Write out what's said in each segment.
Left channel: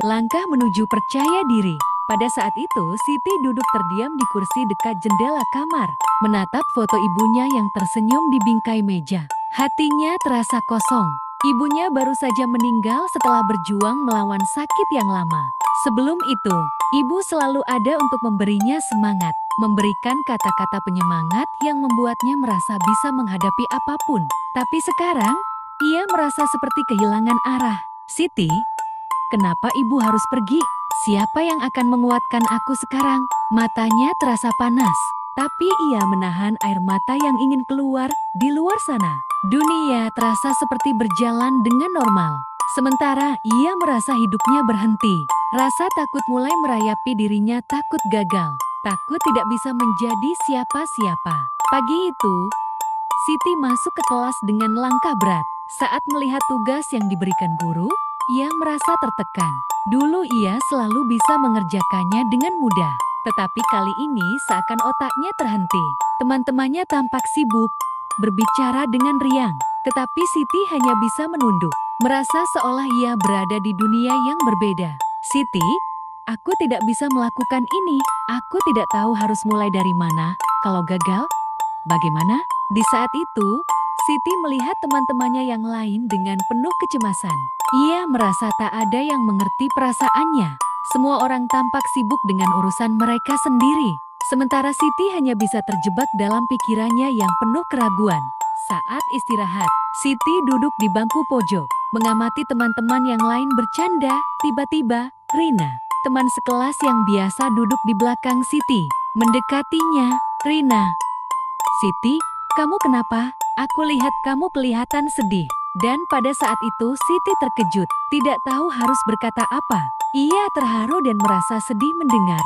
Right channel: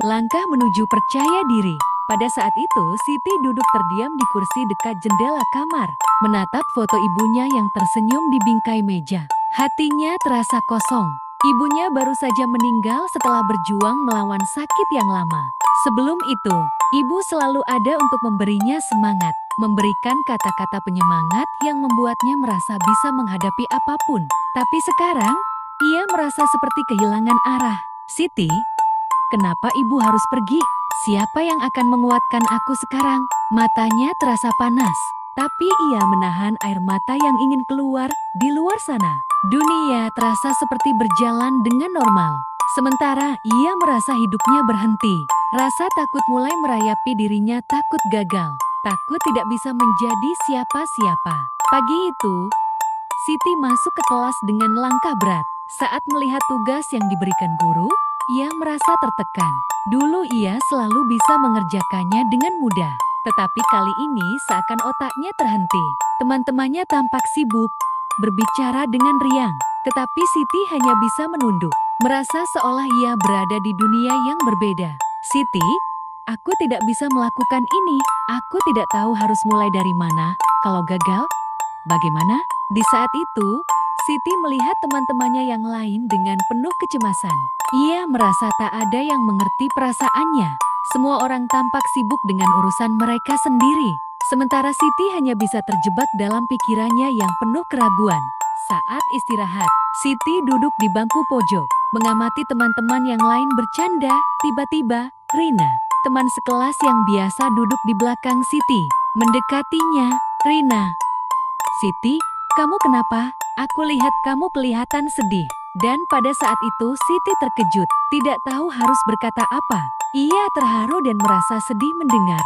Langkah menuju percaya diri. Pada saat itu, Siti duduk terdiam di kursi dekat jendela kamar, menatap foto ibunya yang tersenyum di bingkai meja. Hatinya terasa kosong. Ibunya baru saja meninggal setelah berjuang melawan sakit yang lama. Sebelum itu, ibu selalu ada untuk memberinya semangat, memberikan kata-kata penyemangat yang membuatnya merasa bisa menghadapi apapun. Tapi sekarang, ia merasa seperti kehilangan arah. Siti, kenapa ibu harus pergi? Siapa yang akan menguatkan aku sekarang? Matanya terasa panas, tapi ia menahan air mata yang ingin keluar. Di luar sana, dunia terasa seperti berjalan dengan normal. Sementara ia merasa hidupnya berhenti. Rasa takut mulai merayapi dirinya, takut gagal, takut tidak bisa menjadi siapa-siapa. Pagi itu, Siti masuk ke kelas dengan langkah berat. Saat melihat tugas yang diberikan guru, ia merasa tertekan. Dulu ia selalu bisa mengerjakannya dengan mudah, tetapi kali ini seakan otaknya terhenti. Teman-temannya tampak sibuk, berbicara dengan riang, tetapi Siti hanya bisa menunduk, merasa seolah ia berada di dunia yang berbeda. Siti, aku tidak bisa melakukan ini, aku tidak tahu harus mulai dari mana. Kalau gagal, bagaimana? Di saat itu, Siti melihat teman-temannya yang lain dengan penuh kecemasan. Ia merasa tak ada yang mengerti perasaannya. Semua orang tampak sibuk dengan urusan mereka sendiri. Sementara Siti hanya bisa terjebak dalam pikirannya yang penuh keraguan. Saat istirahat, Siti duduk di bangku pojok, mengamati teman-teman yang lain bercanda. Tiba-tiba, Rina, teman sekelas yang biasa duduk di belakang Siti, mendekatinya. Rina, Siti, kamu kenapa? Aku lihat kamu kelihatan sedih. Dan pada saat itu Siti terkejut, tidak tahu harus berkata apa. Ia terharu dan merasa sedih mendengar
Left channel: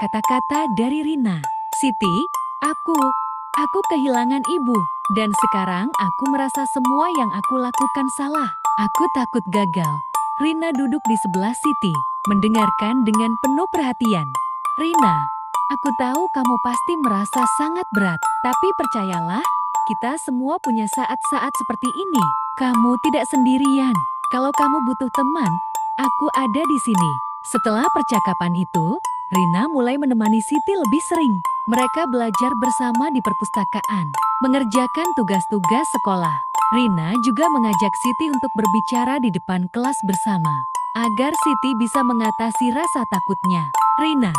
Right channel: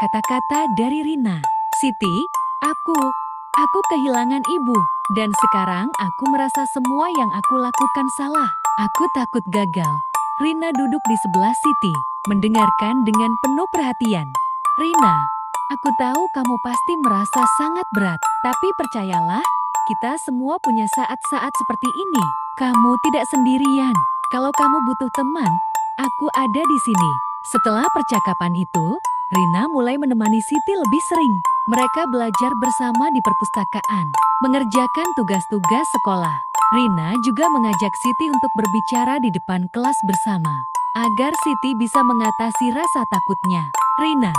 kata-kata dari Rina. Siti, aku kehilangan ibu. Dan sekarang aku merasa semua yang aku lakukan salah. Aku takut gagal. Rina duduk di sebelah Siti, mendengarkan dengan penuh perhatian. Rina, aku tahu kamu pasti merasa sangat berat. Tapi percayalah, kita semua punya saat-saat seperti ini. Kamu tidak sendirian. Kalau kamu butuh teman, aku ada di sini. Setelah percakapan itu, Rina mulai menemani Siti lebih sering. Mereka belajar bersama di perpustakaan, mengerjakan tugas-tugas sekolah. Rina juga mengajak Siti untuk berbicara di depan kelas bersama, agar Siti bisa mengatasi rasa takutnya. Rina,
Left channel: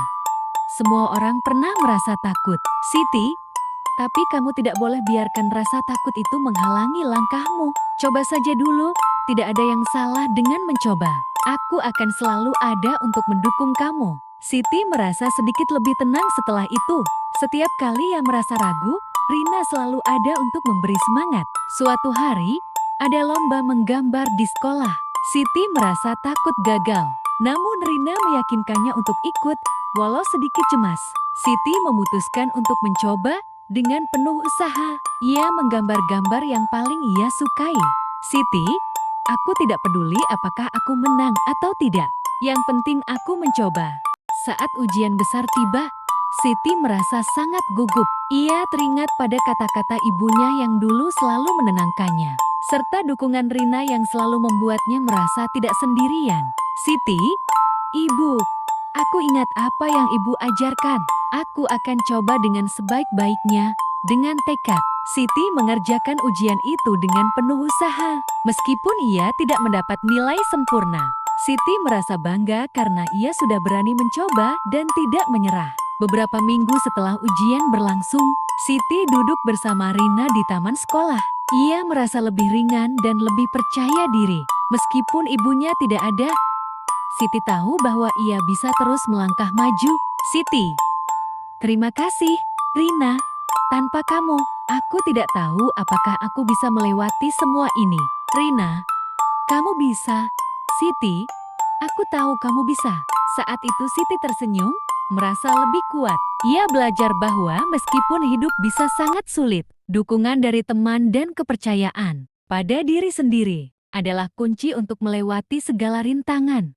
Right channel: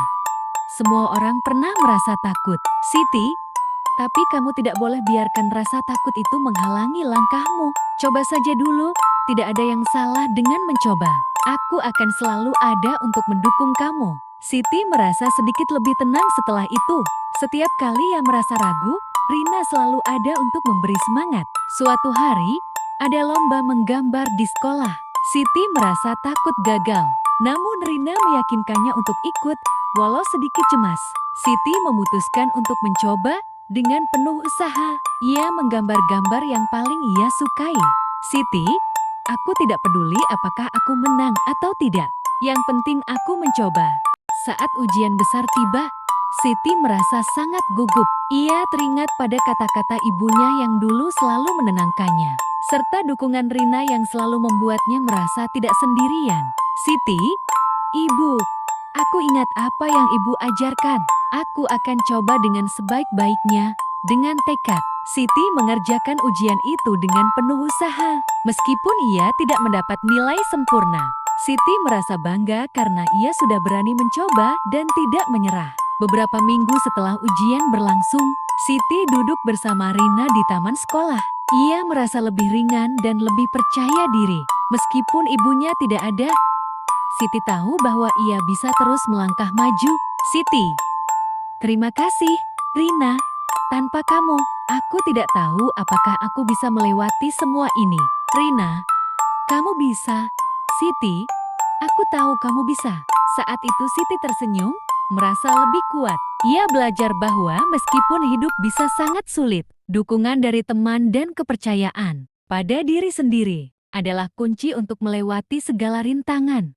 semua orang pernah merasa takut. Siti, tapi kamu tidak boleh biarkan rasa takut itu menghalangi langkahmu. Coba saja dulu, tidak ada yang salah dengan mencoba. Aku akan selalu ada untuk mendukung kamu. Siti merasa sedikit lebih tenang setelah itu. Setiap kali ia merasa ragu, Rina selalu ada untuk memberi semangat. Suatu hari, ada lomba menggambar di sekolah. Siti merasa takut gagal. Namun Rina meyakinkannya untuk ikut, walau sedikit cemas. Siti memutuskan untuk mencoba. Dengan penuh usaha, ia menggambar gambar yang paling ia sukai. Siti, aku tidak peduli apakah aku menang atau tidak. Yang penting aku mencoba. Saat ujian besar tiba, Siti merasa sangat gugup. Ia teringat pada kata-kata ibunya yang dulu selalu menenangkannya, serta dukungan Rina yang selalu membuatnya merasa tidak sendirian. Siti, ibu, aku ingat apa yang ibu ajarkan. Aku akan coba dengan sebaik-baiknya. Dengan tekad, Siti mengerjakan ujian itu dengan penuh usaha. Meskipun ia tidak mendapat nilai sempurna, Siti merasa bangga karena ia sudah berani mencoba dan tidak menyerah. Beberapa minggu setelah ujian berlangsung, Siti duduk bersama Rina di taman sekolah. Ia merasa lebih ringan dan lebih percaya diri. Meskipun ibunya tidak ada, Siti tahu bahwa ia bisa terus melangkah maju. Siti, terima kasih, Rina. Tanpa kamu, aku tidak tahu apakah aku bisa melewati semua ini. Rina, kamu bisa. Siti, aku tahu kamu bisa. Saat itu Siti tersenyum, merasa lebih kuat. Ia belajar bahwa meskipun hidup bisa sangat sulit, dukungan dari teman dan kepercayaan pada diri sendiri adalah kunci untuk melewati segala rintangan.